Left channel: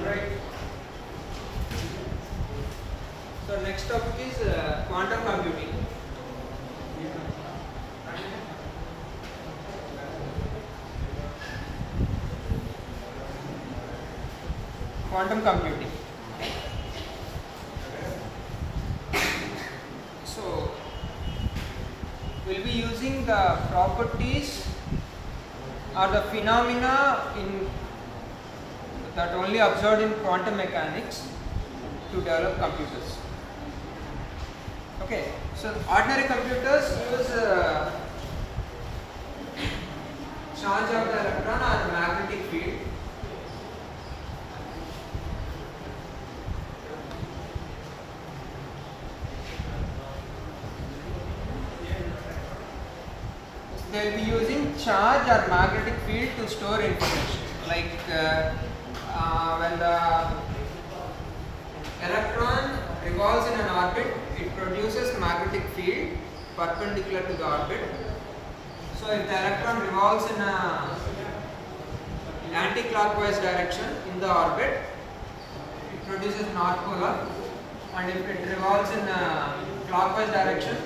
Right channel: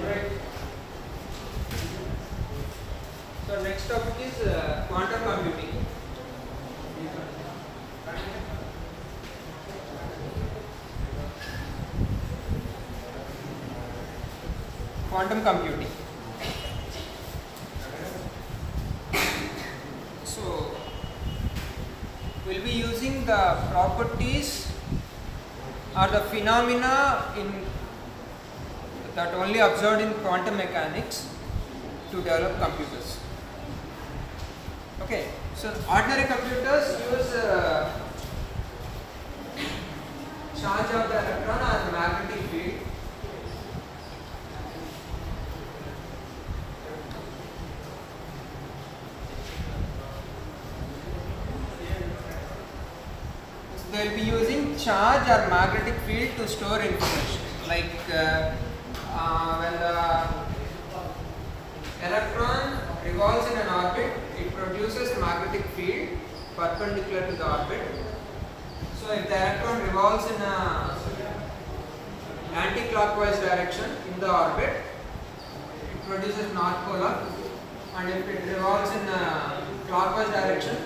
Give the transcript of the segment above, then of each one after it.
Right. So next topic is quantum computing. Quantum computing. So we'll be using the properties or the phenomena that only observed in quantum mechanics to develop computers. Okay, so ordinary computers use charge of the electron or magnetic field. So they will be using charge or magnetic field to store information. Like when the electron revolves in an orbit, it produces magnetic field perpendicular to the orbit. So if the electron revolves in an anti-clockwise direction in the orbit, it produces north polar, and if it revolves in a clockwise direction,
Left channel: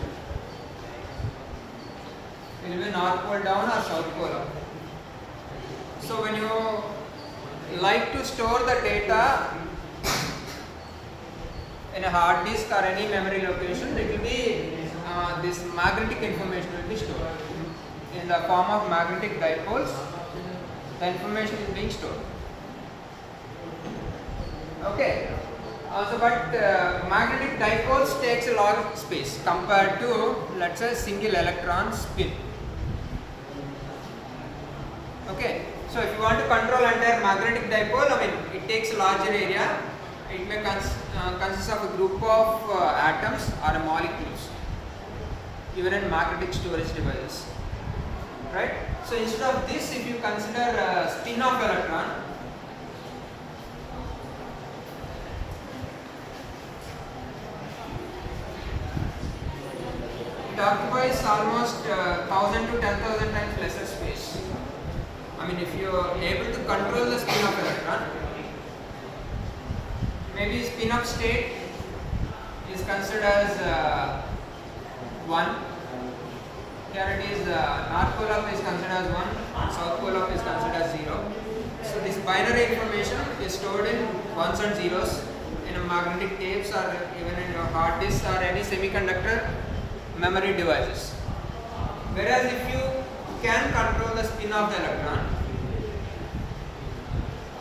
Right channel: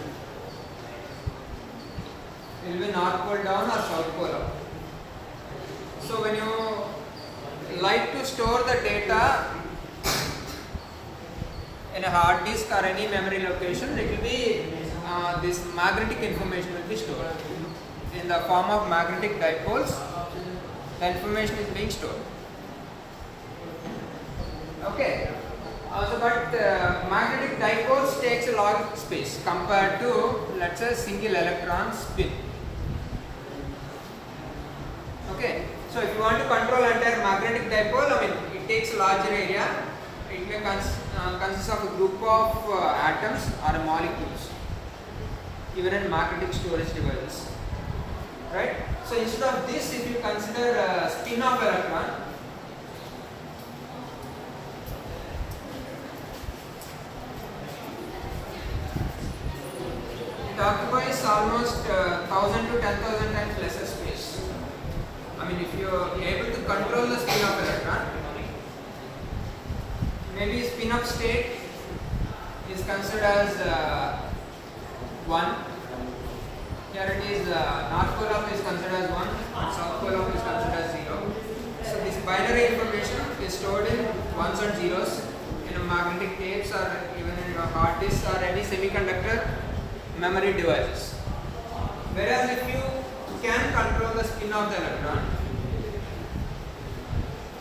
it will be north pole down or south pole up. So when you like to store the data in a hard disk or any memory location, it will be this magnetic information will be stored in the form of magnetic dipoles. The information is being stored. Okay. But magnetic dipoles takes a lot of space compared to, let's say, single electron spin. Okay. So if you want to control entire magnetic dipole, it takes a larger area. It may consist of a group of atoms or molecules, even in magnetic storage devices. Right? So instead of this, if you consider a spin of electron, it occupies almost 1000 to 10,000 times lesser space. If you are able to control the spin of electron, maybe spin of state is considered as 1. Here it is north pole up is considered as 1 and south pole up is considered as 0. So this binary information is stored in ones and zeros in a magnetic tapes or even in a hard disk or any semiconductor memory devices. Whereas if you can control the spin of the electron,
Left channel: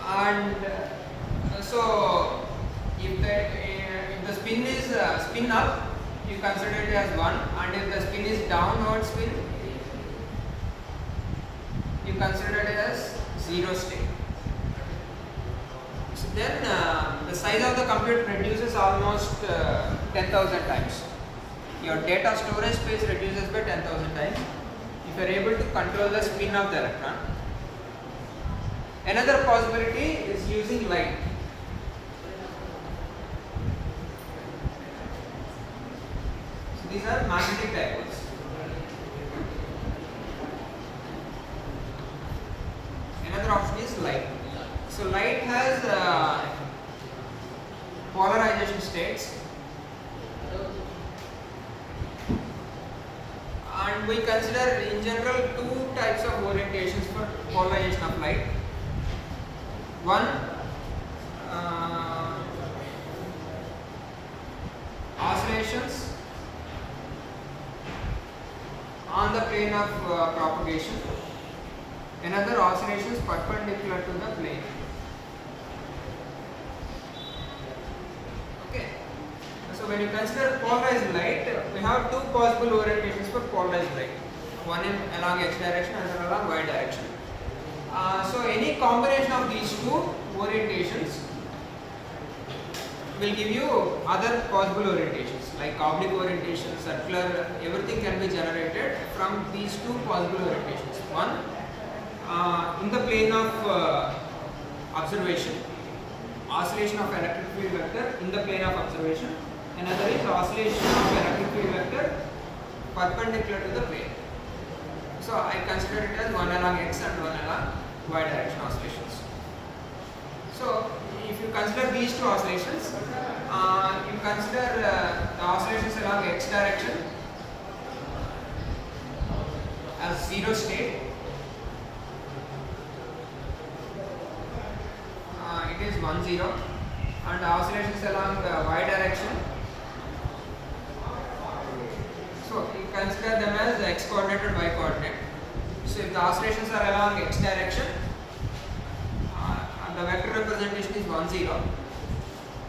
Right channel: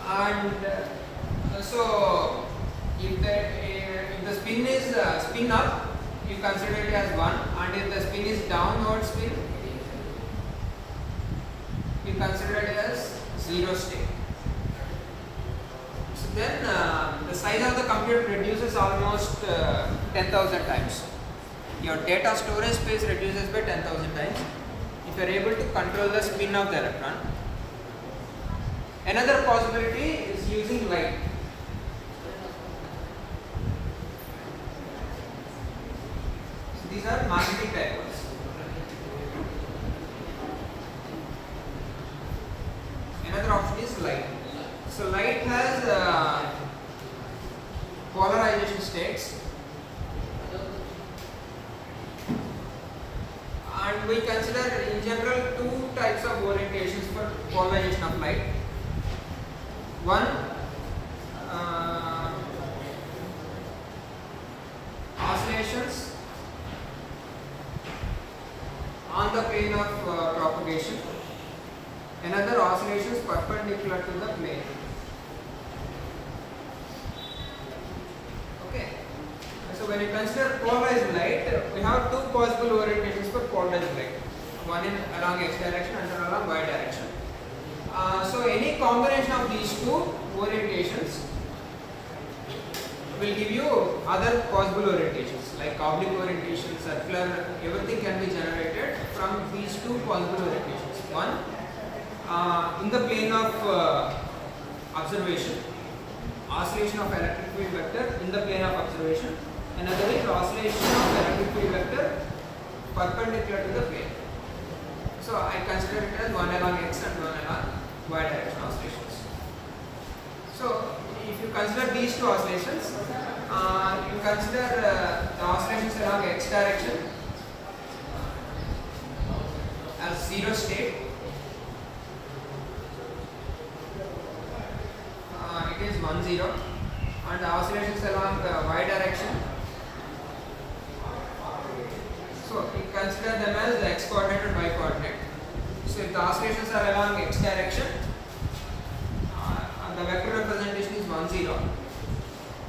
and so if the spin is spin up, you consider it as 1, and if the spin is downward spin, you consider it as 0 state. So then the size of the computer reduces almost 10,000 times. Your data storage space reduces by 10,000 times if you are able to control the spin of the electron. Another possibility is using light. So these are magnetic dipoles. Another option is light. So light has polarization states, and we consider in general two types of orientations for polarization of light. One, oscillations on the plane of propagation. Another, oscillations perpendicular to the plane. Okay. So when you consider polarized light, we have two possible orientations for polarized light. One along x direction and another along y direction. So any combination of these two orientations will give you other possible orientations like oblique orientation, circular, everything can be generated from these two possible orientations. One, in the plane of observation, oscillation of electric field vector in the plane of observation. Another is oscillation of electric field vector perpendicular to the plane. So I consider it as one along x and one along y direction oscillations. So if you You consider the oscillations along x direction as 0 state. It is 1 0, and the oscillations along y direction. So you consider them as x coordinate and y coordinate. So if the oscillations are along x direction, and the vector representation is 1 0,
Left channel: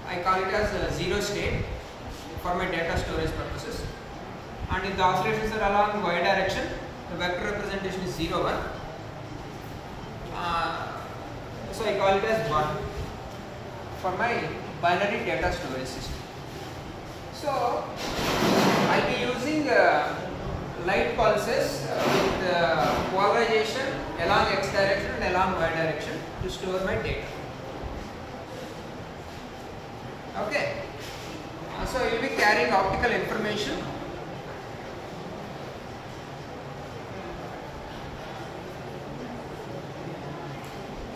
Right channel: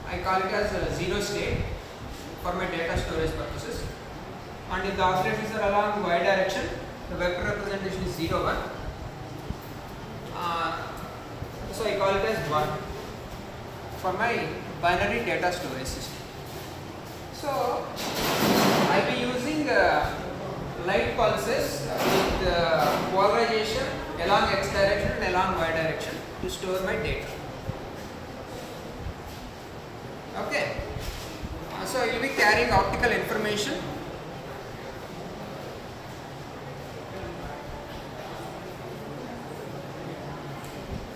I call it as a 0 state for my data storage purposes. And if the oscillations are along y direction, the vector representation is 0 1. So I call it as 1 for my binary data storage system. So I'll be using light pulses with polarization along x direction and along y direction to store my data. Okay. So you will be carrying optical information.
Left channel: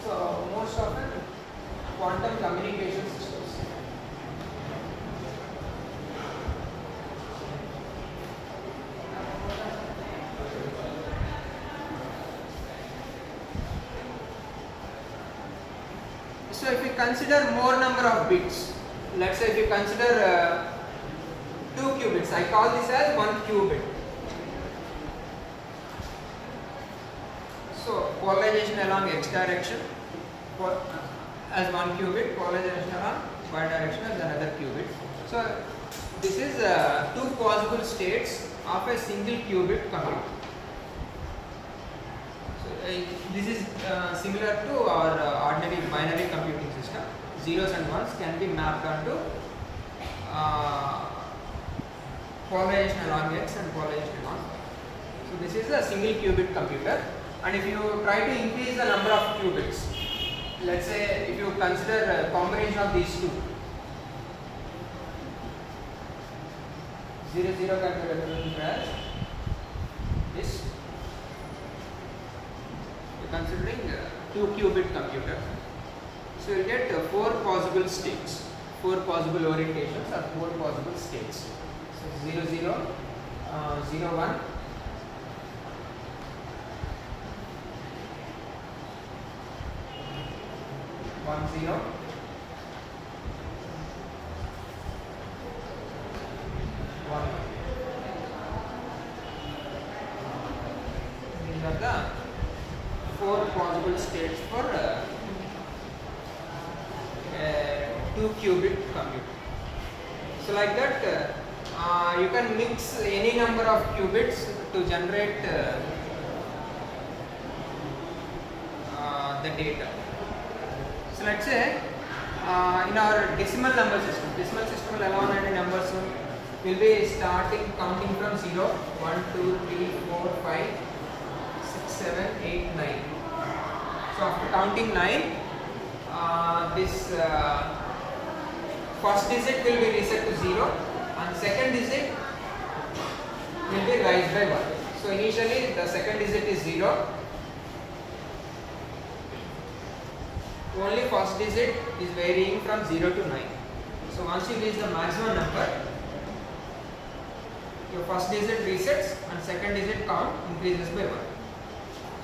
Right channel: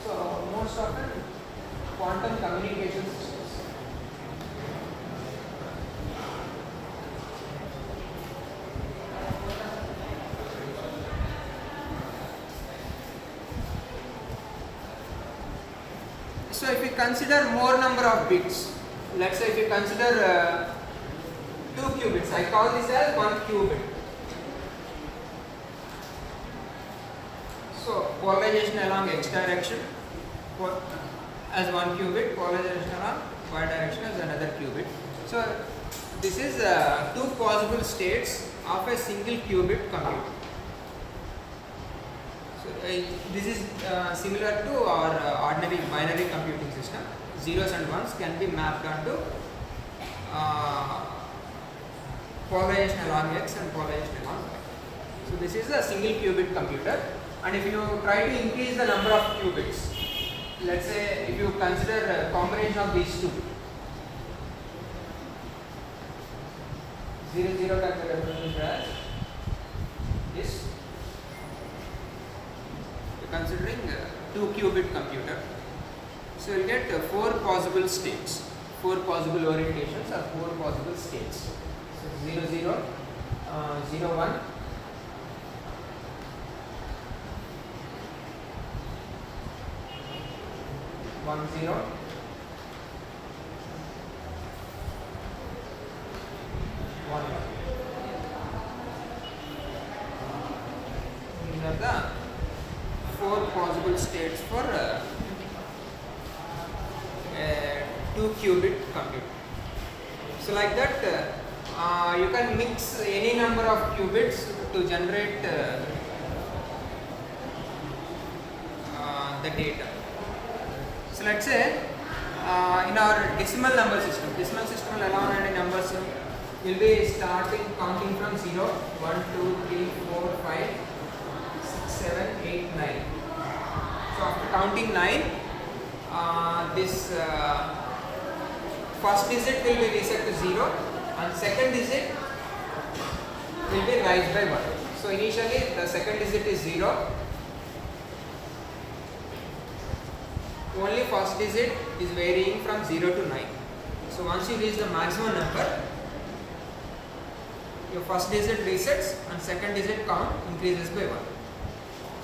So most often quantum communication systems. So if you consider more number of bits, let's say if you consider 2 qubits, I call this as 1 qubit. So polarization along x direction as 1 qubit, polarization along y direction as another qubit. So this is 2 possible states of a single qubit computer. So this is similar to our ordinary binary computing system. Zeros and ones can be mapped onto polarization along x and polarization along y. So this is a single qubit computer, and if you try to increase the number of qubits, let's say if you consider a combination of these two, 0 0 can be represented as this. Considering 2 qubit computer, so you get 4 possible states, 4 possible orientations or 4 possible states. So 0 0, 0 1, 1 0, 1 1. These are the 4 possible states for a 2 qubit computer. So like that you can mix any number of qubits to generate the data. So let's say in our decimal number system will allow many numbers. We will be starting counting from 0, 1, 2, 3, 4, 5, 6, 7, 8, 9. So after counting 9, this first digit will be reset to 0 and second digit will be raised by 1. So initially the second digit is 0. Only first digit is varying from 0 to 9. So once you reach the maximum number, your first digit resets and second digit count increases by 1.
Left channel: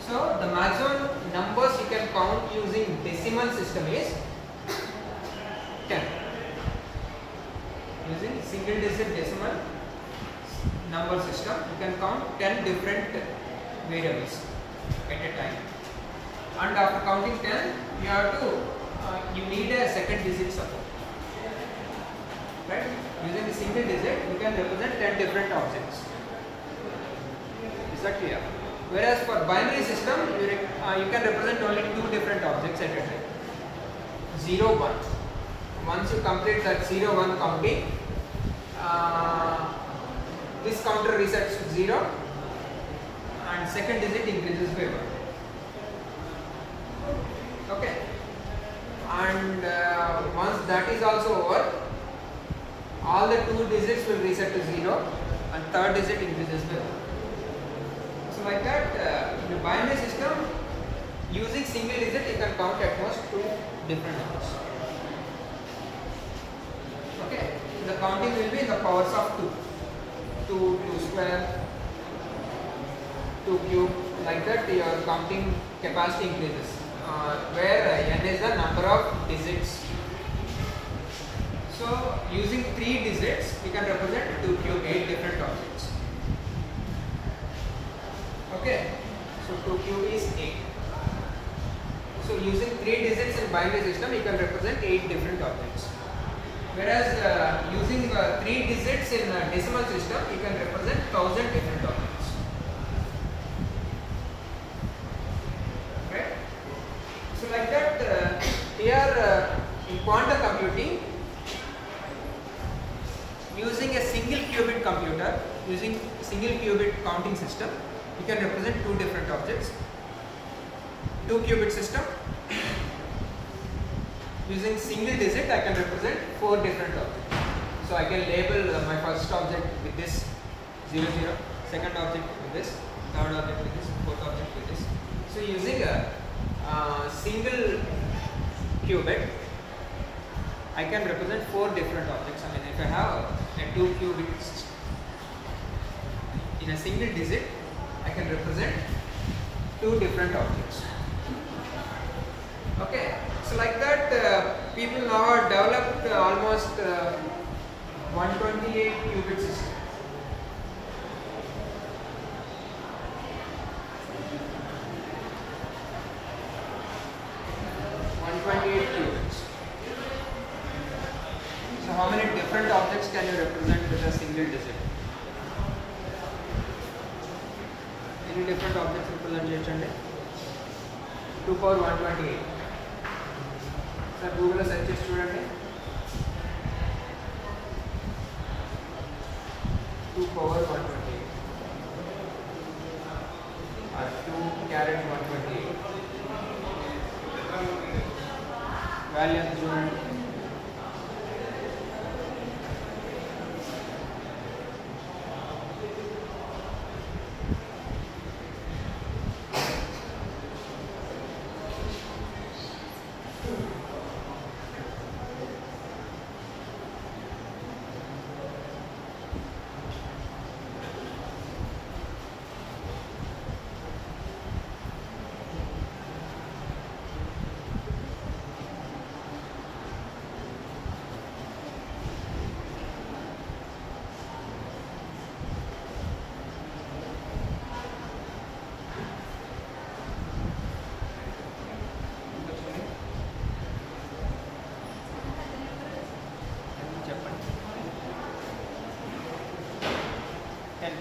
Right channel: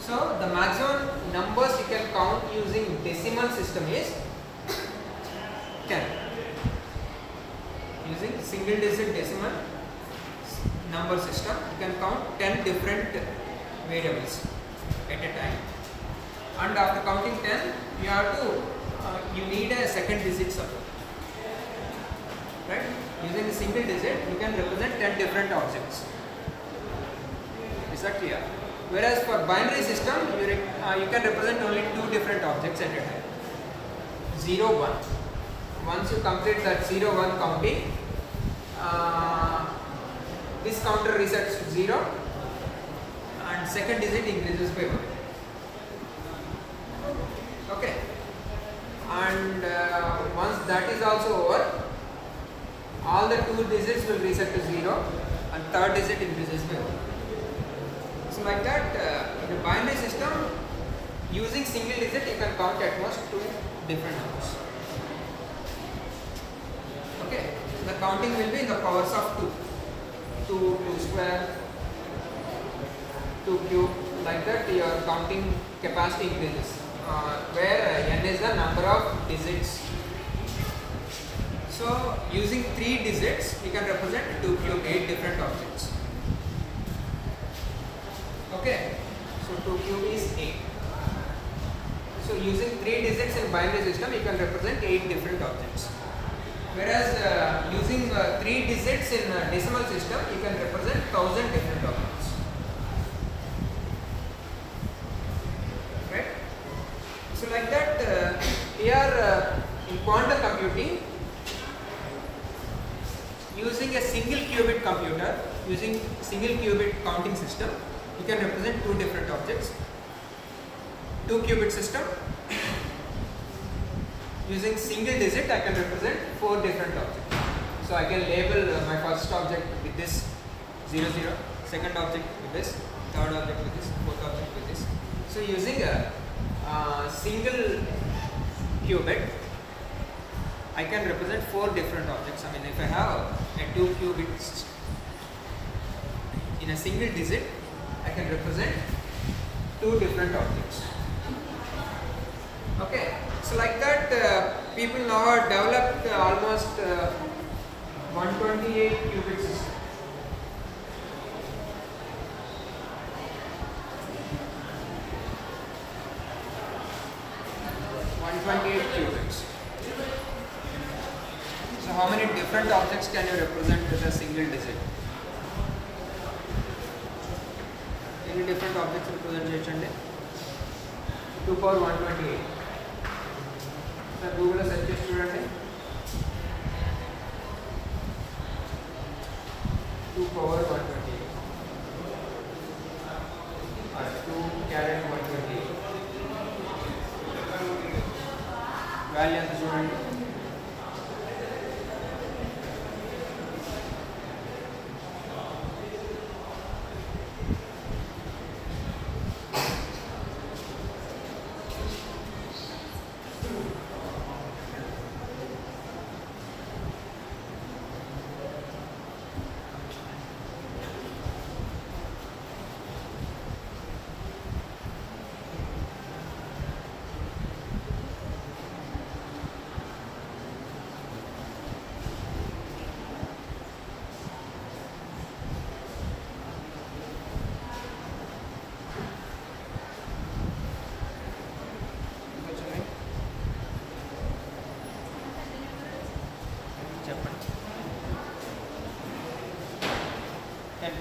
So the maximum numbers you can count using decimal system is 10. Using single digit decimal number system, you can count 10 different variables at a time. And after counting 10, you need a second digit support. Right? Using a single digit, you can represent 10 different objects. Is that clear? Whereas for binary system, you can represent only 2 different objects at a time. 0, 1. Once you complete that 0, 1 counting, this counter resets to 0 and second digit increases by 1. Okay. And once that is also over, all the 2 digits will reset to 0 and third digit increases by 1. So like that, in a binary system, using single digit, you can count at most 2 different numbers. Okay. counting will be in the powers of 2. 2, 2 square, 2 cube, like that your counting capacity increases, where n is the number of digits. So using 3 digits you can represent 2 cube 8 different objects. Okay, so 2 cube is 8. So using 3 digits in binary system you can represent 8 different objects. Whereas using 3 digits in decimal system you can represent 1000 different objects. Right? So like that here in quantum computing, using a single qubit computer, using single qubit counting system, you can represent 2 different objects. 2 qubit system, using single digit I can represent 4 different objects. So I can label my first object with this 0 0, second object with this, third object with this, fourth object with this. So using a single qubit I can represent 4 different objects. I mean, if I have a 2 qubits in a single digit, I can represent 2 different objects. Okay, so like that people now have developed almost 128 qubit system. So how many different objects can you represent with a single digit? Any different objects representation? 2 power 128. Sir, Google search చేసి చూడండి. 2 power 128 or 2 caret 128. Value ఎంత చూడండి.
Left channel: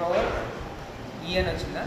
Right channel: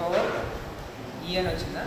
power E అని వచ్చిందా?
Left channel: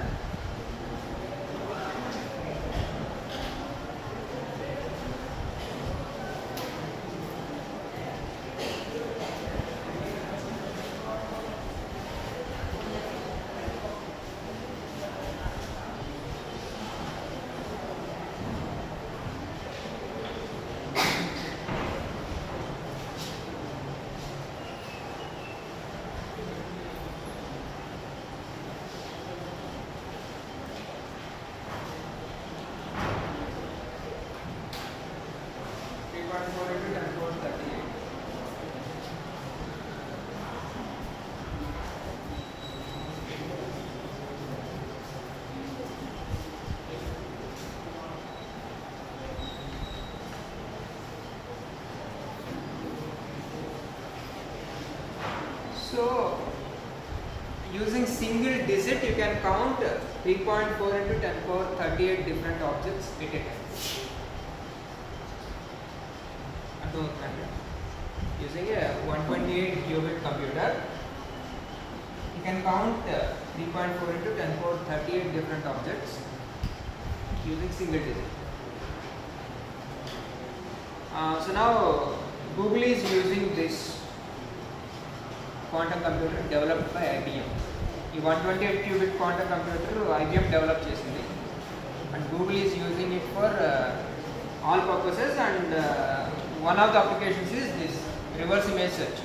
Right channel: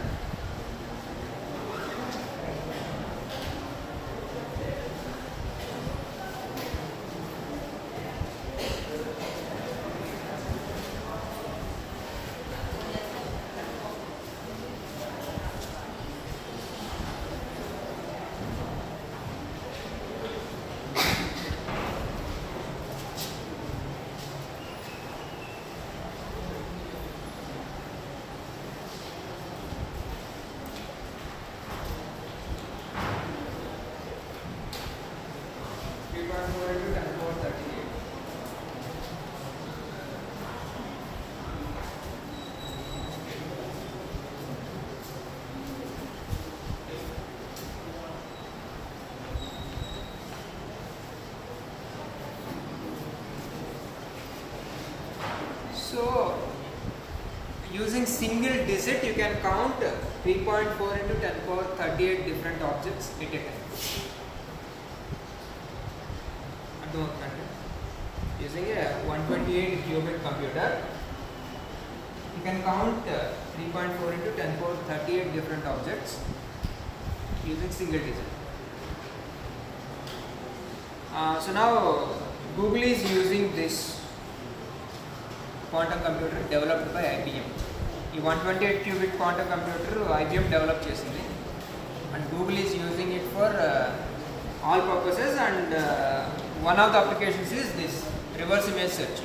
So, using single digit, you can count 3.4 into 10 power 38 different objects at a time. Using a 128 qubit computer, you can count 3.4 into 10 power 38 different objects using single digit. So now Google is using this quantum computer developed by IBM. The 128 qubit quantum computer IBM developed చేసింది, and Google is using it for all purposes, and one of the applications is this reverse image search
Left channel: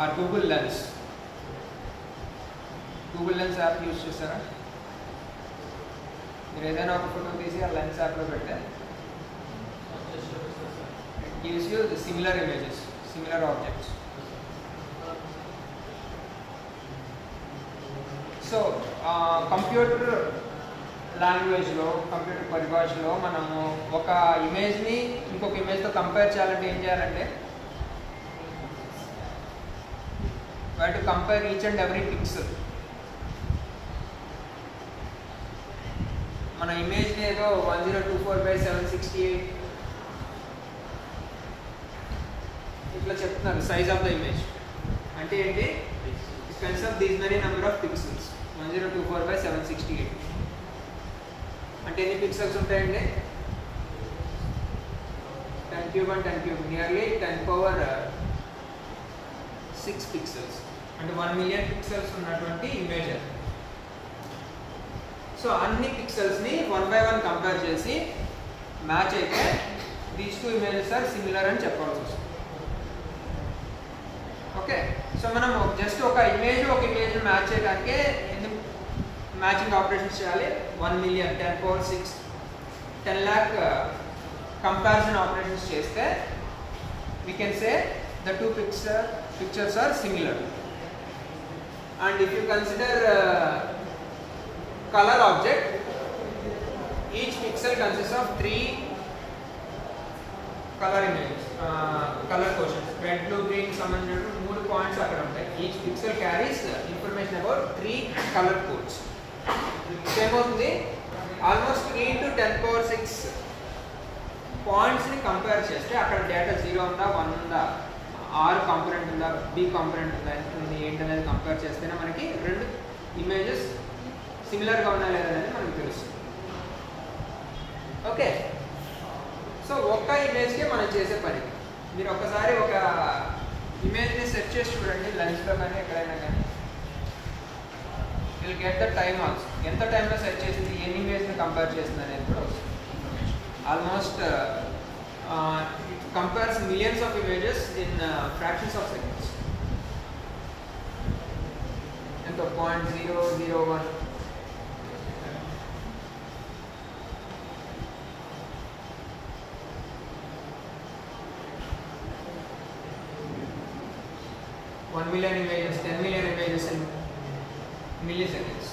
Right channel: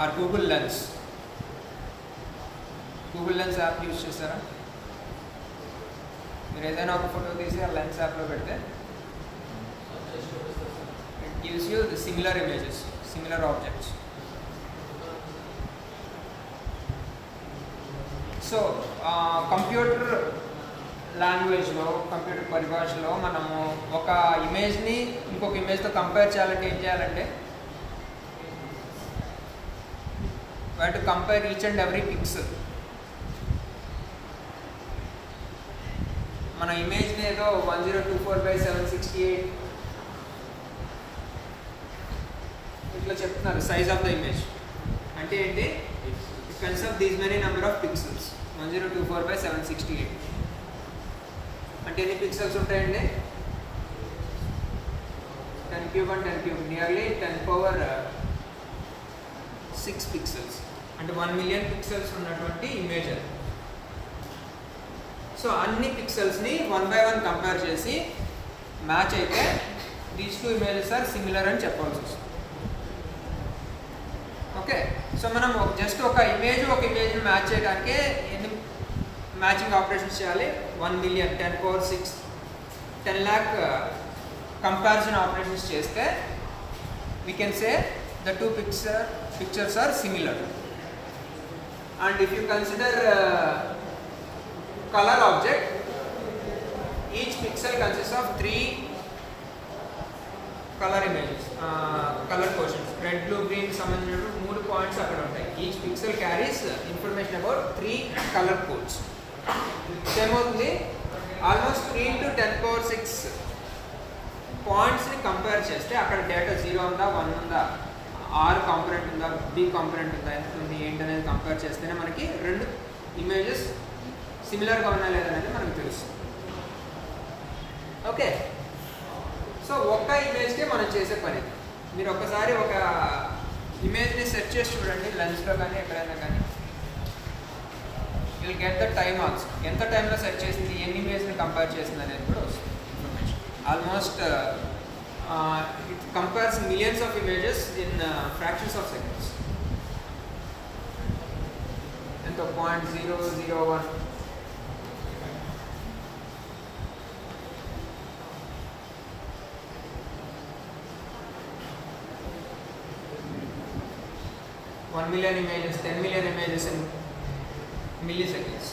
or Google Lens. Google Lens app use చేస్తారా? మీరు ఏదైనా ఒక photo తీసి ఆ lens యాప్లో పెడితే it gives you the similar images, similar objects. So computer లాంగ్వేజ్లో computer పరిభాషలో మనము ఒక ఇమేజ్ని ఇంకొక ఇమేజ్తో కంపేర్ చేయాలంటే ఏం చేయాలంటే why to compare each and every pixel. మన ఇమేజ్ని ఏదో 1024/768 ఇట్లా చెప్తున్నారు సైజ్ ఆఫ్ ద ఇమేజ్ అంటే ఏంటి, it consist these many number of pixels 1024/768 అంటే ఎన్ని పిక్సెల్స్ ఉంటాయండి, 10 cube and 10 cube nearly 10⁻6 pixels అంటే 1 మిలియన్ పిక్సెల్స్ ఉన్నటువంటి ఇమేజ్ అది. సో అన్ని పిక్సెల్స్ని 1 by 1 కంపేర్ చేసి మ్యాచ్ అయితే these two images are similar అని చెప్పాల్సి వస్తుంది. ఓకే, సో మనం జస్ట్ ఒక ఇమేజ్ని మ్యాచ్ చేయడానికి ఎన్ని మ్యాచింగ్ ఆపరేషన్స్ చేయాలి, 1 మిలియన్ 10⁻6 10 lakh కంపారిజన్ ఆపరేషన్స్ చేస్తే we can say the two pictures are similar. And if you consider color object, each pixel consists of 3 color images, color quotients, red, blue, green సంబంధించిన 3 points అక్కడ ఉంటాయి. Each pixel carries information about 3 color codes. ఏమవుతుంది, almost 3 to 10⁻6 పాయింట్స్ని compare చేస్తే అక్కడ data 0 ఉందా 1 ఉందా, are component ఉందా బి కాంపోనెంట్ ఉందా ఎంత ఉంది ఏంటి అనేది కంపేర్ చేస్తేనే మనకి రెండు ఇమేజెస్ సిమిలర్గా ఉన్నా లేదనేది మనకు తెలుస్తుంది. ఓకే, సో ఒక్క ఇమేజ్కే మనం చేసే పని, మీరు ఒకసారి ఒక ఇమేజ్ని సెర్చ్ చేసి చూడండి లెన్స్లో కానీ ఎక్కడైనా కానీ, will get the time also, ఎంత టైంలో సెర్చ్ చేసింది ఎన్ని ఇమేజ్ని కంపేర్ చేసింది అనేది కూడా వస్తుంది. Almost it compares millions of images in fractions of seconds. And the 0.001 1 million images, 10 million images in milliseconds.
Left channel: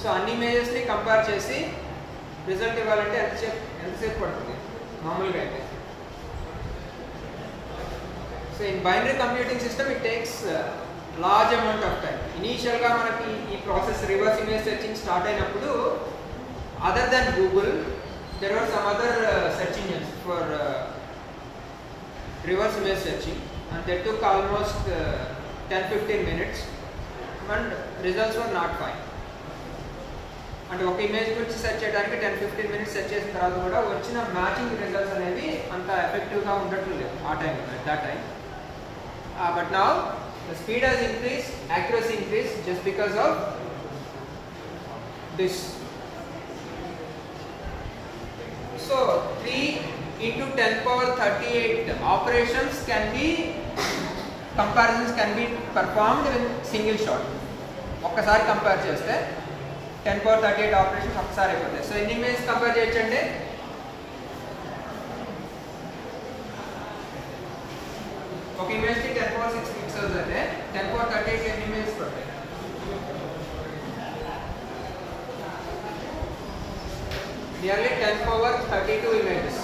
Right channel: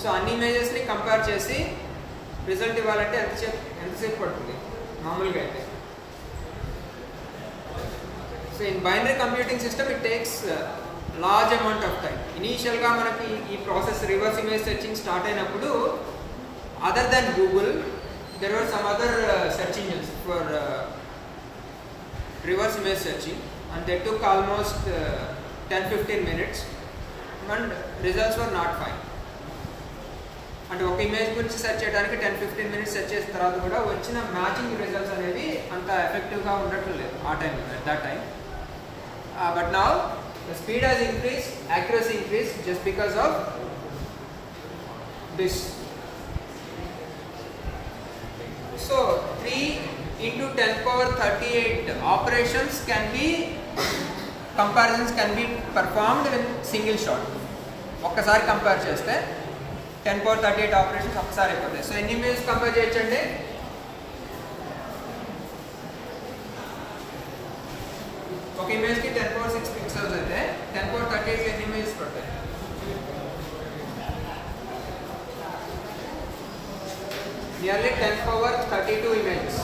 So అన్ని ఇమేజెస్ని కంపేర్ చేసి రిజల్ట్ ఇవ్వాలంటే ఎంతసేపు పడుతుంది మామూలుగా అయితే. So in binary computing system it takes large amount of time. ఇనీషియల్గా మనకి ఈ process reverse image searching start అయినప్పుడు other then Google there are some other search engines for reverse image searching and that took almost 10-15 minutes and results were not fine. అంటే ఒక image గురించి search చేయడానికి 10-15 minutes search చేసిన తర్వాత కూడా వచ్చిన matching results అనేవి అంత ఎఫెక్టివ్గా ఉండట్లేదు ఆ time, at that time. But now the speed has increase, accuracy increase just because of this. So 3 into 10⁻38 operations can be, comparisons can be performed with single shot. ఒక్కసారి కంపేర్ చేస్తే 10⁻38 operations ఒకసారి అయిపోతాయి. So ఎన్ని image compare చేయొచ్చండి, ఒక ఇమేజ్కి 10⁻6 pixels అయితే 10⁻38 ఎన్ని images పడతాయి, నియర్లీ 10⁻32 ఇమేజెస్.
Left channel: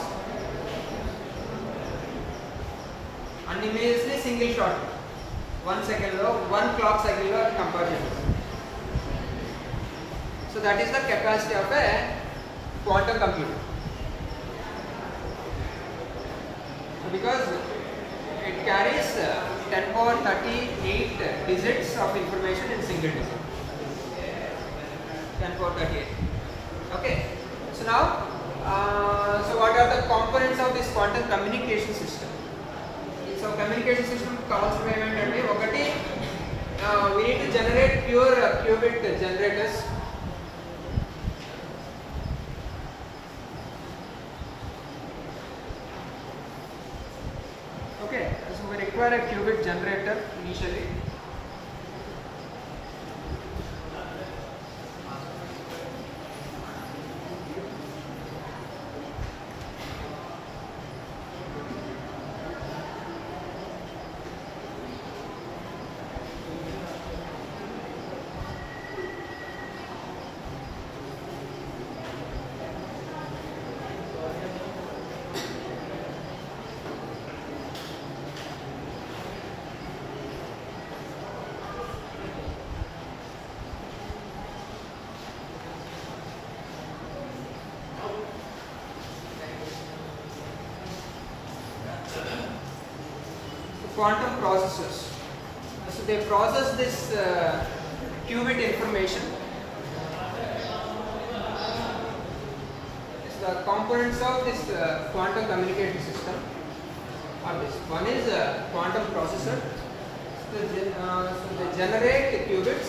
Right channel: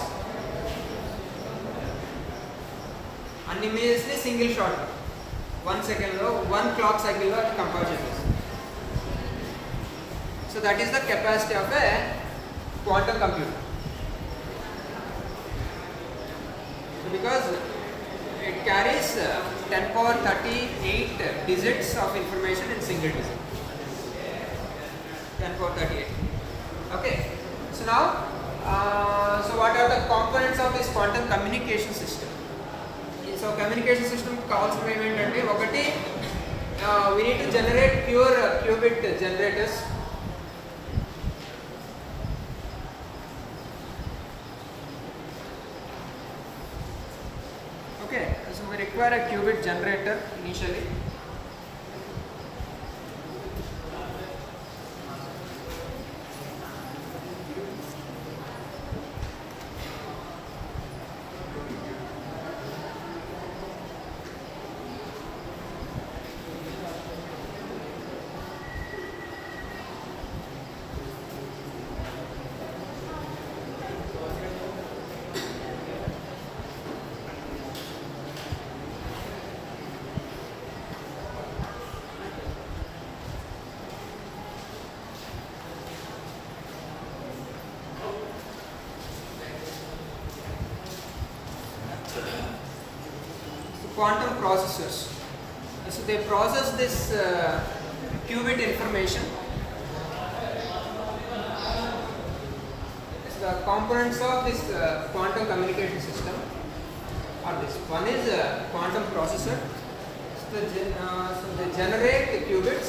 అన్ని ఇమేజెస్ని సింగిల్ షాట్ 1 సెకండ్లో 1 క్లాక్ సైకిల్లో కంపేర్ చేయాలి. So that is the capacity of a quantum computer. So because it carries 10⁻38 digits of information in single digit. 10⁻38. Okay. So now, so what are the components of this quantum communication system? So communication system కావాల్సిన ఏమేంటంటే, ఒకటి we need to generate pure qubit generators. Okay, so we require a qubit generator initially. quantum processors. So they process this qubit information. So the components of this quantum communication system are this. One is a quantum processor. So they generate the qubits.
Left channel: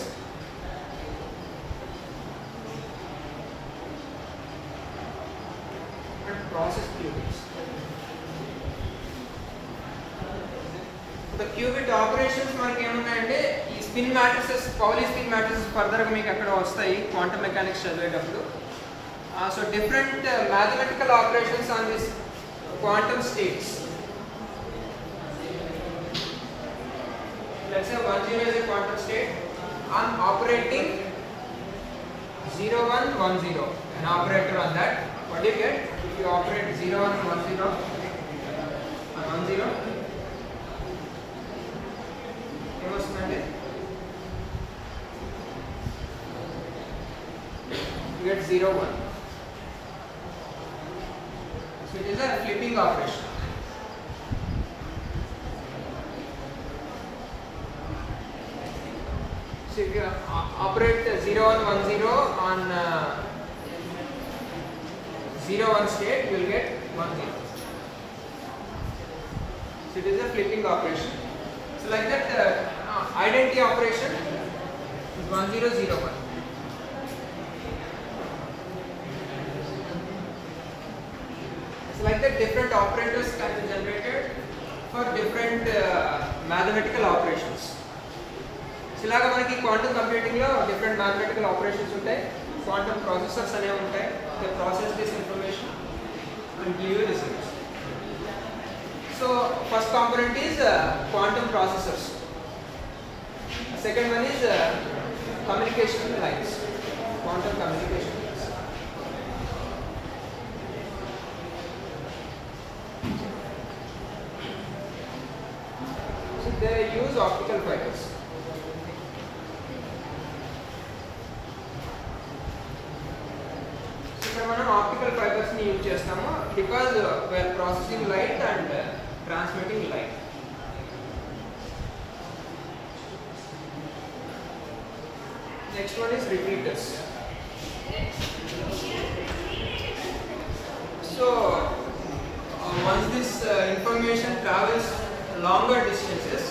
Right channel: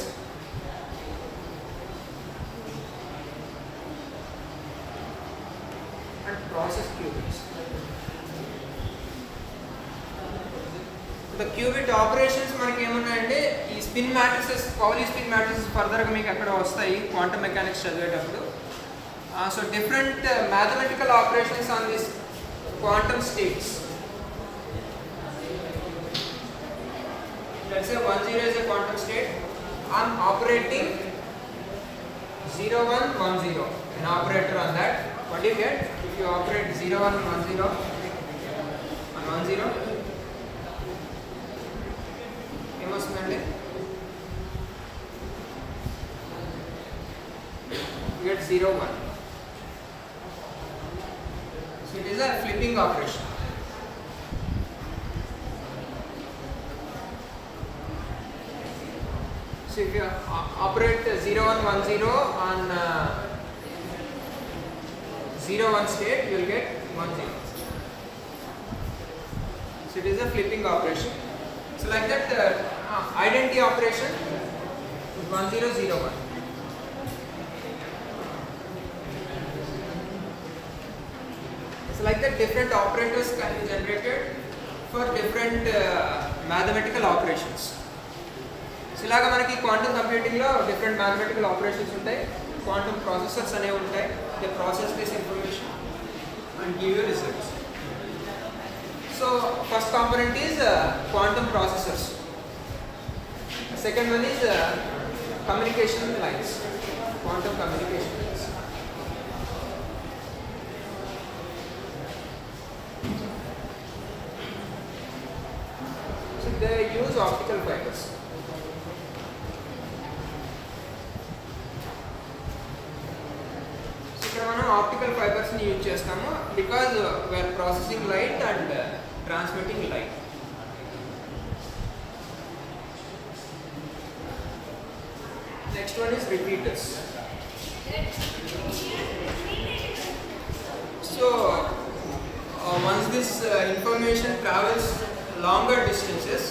Process qubits. The qubit operations మనకి ఏమన్నాయంటే ఈ spin matrices Pauli spin matrices further గా మీకు అక్కడ వస్తాయి quantum mechanics చదివేటప్పుడు. So different mathematical operations on this quantum states. Let's say 10 is a quantum state. On operating 0110, an operator on that. What do you get? If you operate 0110 on 10, you get 01. So it is a flipping operation. So if you operate 0110 on 01 state, you will get 10. So it is a flipping operation. So like that, identity operation is 1001. So like that, different operators can be generated for different mathematical operations. So ఇలాగా మనకి quantum computing లో different mathematical operations ఉంటాయి. Quantum processors అనేవి ఉంటాయి. They process this information and give you results. So first component is quantum processors. Second one is communication lines, quantum communication lines. So they use optical fibers. మనం optical fibres ని use చేస్తాము because we are processing light and transmitting light. Next one is repeaters. So once this information travels longer distances,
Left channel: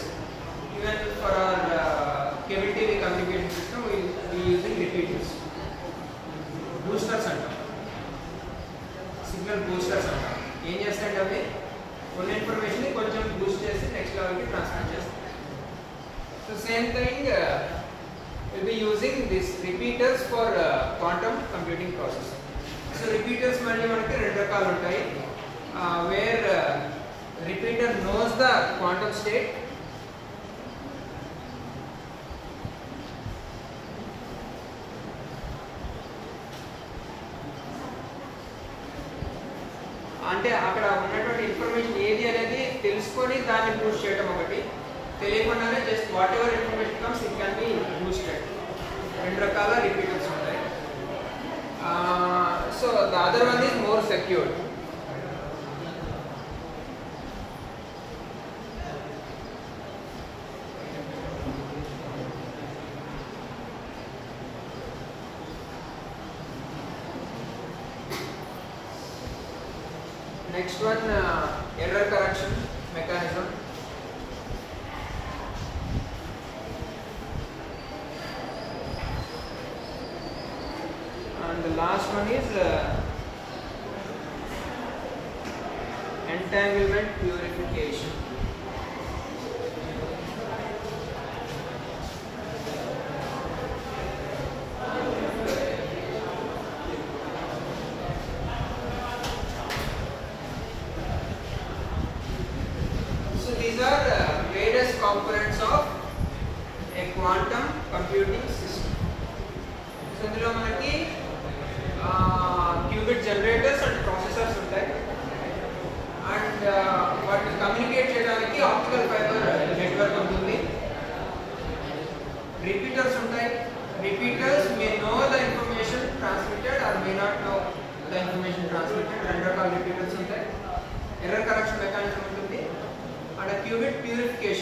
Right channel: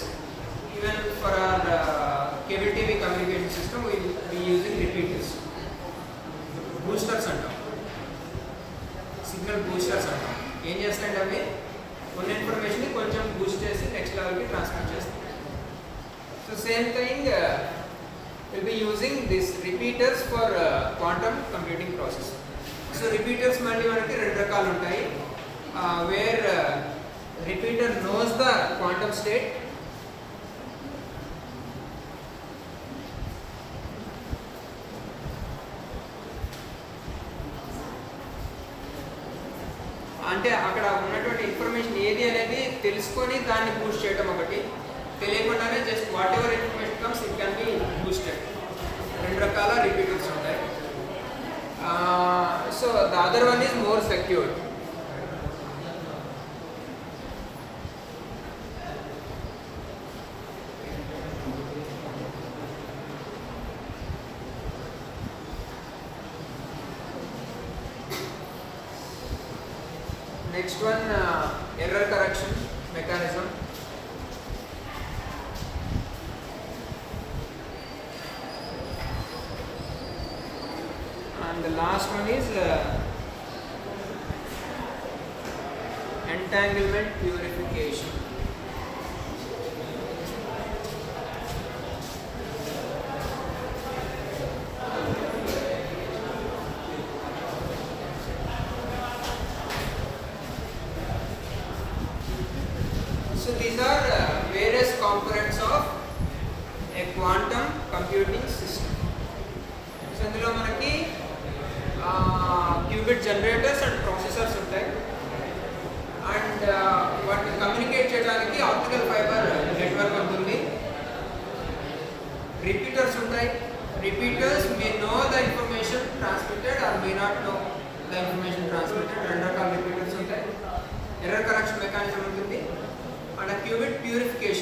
even for our cable TV communication system, we will be using repeaters. Boosters అంటారు, signal boosters అంటారు. ఏం చేస్తాయంటే అవి ఉన్న information కొంచెం Boost చేసి next లెవెల్కి transmit చేస్తాయి. So same thing will be using this repeaters for quantum computing process. So repeaters మళ్ళీ మనకి రెండు రకాలు ఉంటాయి. Where repeater knows the quantum state, అంటే అక్కడ ఉన్నటువంటి ఇన్ఫర్మేషన్ ఏది అనేది తెలుసుకొని దాన్ని బూస్ట్ చేయడం ఒకటి, తెలియకుండానే just what ever information comes it can be boosted. రెండు రకాల రిపీటర్స్ ఉంటాయి. So the other one is more secured. Next one, error correction mechanism. And the last one is entanglement purification. So these are various components of a quantum computing system. So ఇందులో మనకి qubit generators and processors ఉంటాయి. And వాటిని communicate చేయడానికి optical fibre network ఉంటుంది. Repeaters ఉంటాయి. Repeaters may know the information transmitted or may not know the information transmitted. రెండు రకాల repeaters ఉంటాయి. Error correction mechanism ఉంటుంది. And a qubit purification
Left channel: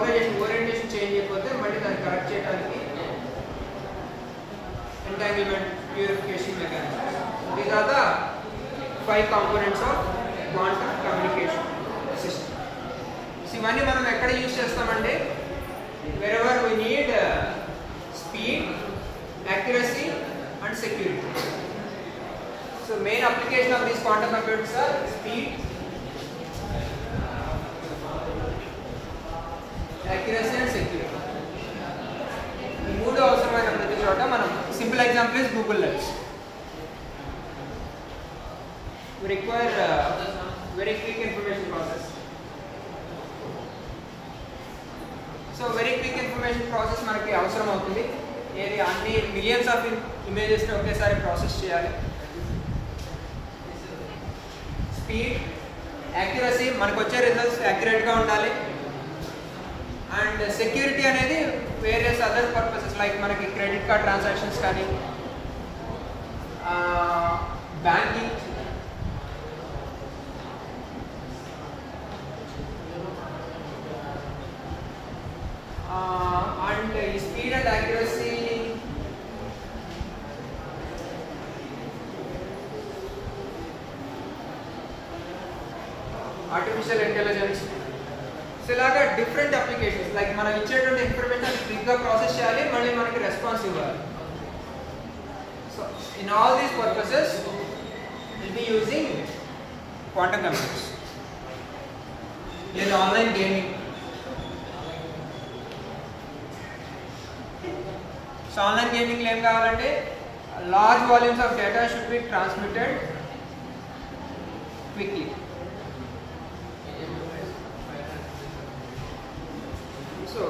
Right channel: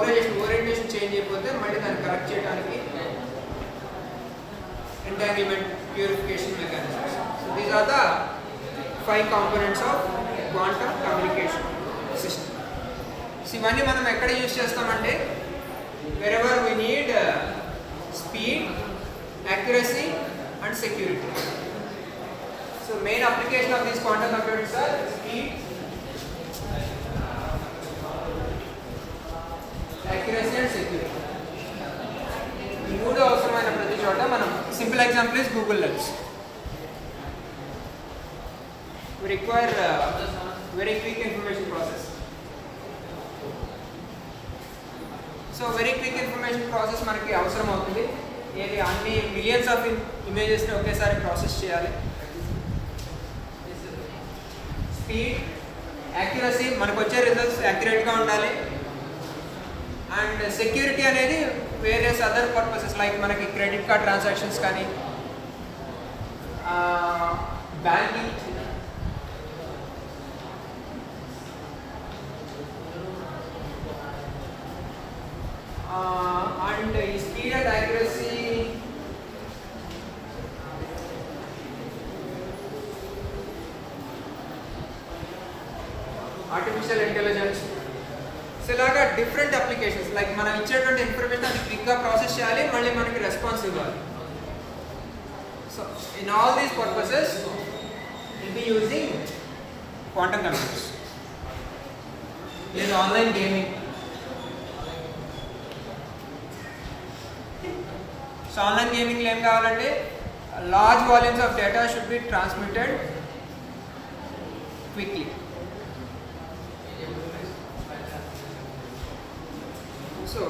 polarisation orientation change అయిపోతే మళ్ళీ దాన్ని కరెక్ట్ చేయడానికి entanglement purification mechanisms. So these are the 5 components of quantum communication system. So ఇవన్నీ మనం ఎక్కడ యూజ్ చేస్తామంటే wherever we need speed, accuracy and security. So main application of these quantum computers are speed, accuracy and security. ఈ మూడు అవసరమైన ప్రతి చోట మనం simple example is Google lens. We require very quick information process. So very quick information process మనకి అవసరం అవుతుంది. ఏది అన్ని మిలియన్స్ ఆఫ్ ఇమేజెస్ని ఒకేసారి ప్రాసెస్ చేయాలి. స్పీడ్, యాక్యురసీ, మనకు వచ్చే రిజల్ట్స్ యాక్యురేట్గా ఉండాలి. అండ్ సెక్యూరిటీ అనేది వేరియస్ అదర్ పర్పసెస్ లైక్ మనకి క్రెడిట్ కార్డ్ ట్రాన్సాక్షన్స్ కానీ banking and speed and accuracy artificial intelligence. So ఇలాగా డిఫరెంట్ అప్లికేషన్స్ లైక్ మనం ఇచ్చేటువంటి ఇన్ఫర్మేషన్ క్విక్గా ప్రాసెస్ చేయాలి, మళ్ళీ మనకి రెస్పాన్స్ ఇవ్వాలి. So in all these purposes will be using quantum computers. ఇది ఆన్లైన్ గేమింగ్. సో ఆన్లైన్ గేమింగ్లో ఏం కావాలంటే large volumes of data should be transmitted quickly. So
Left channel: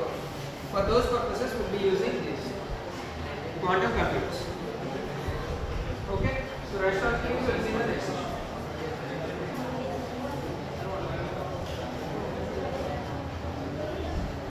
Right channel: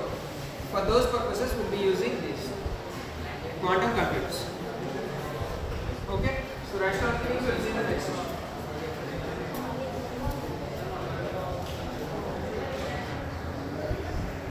for those purposes we'll be using this quantum computers. Okay, so rest of things we'll see in the next session.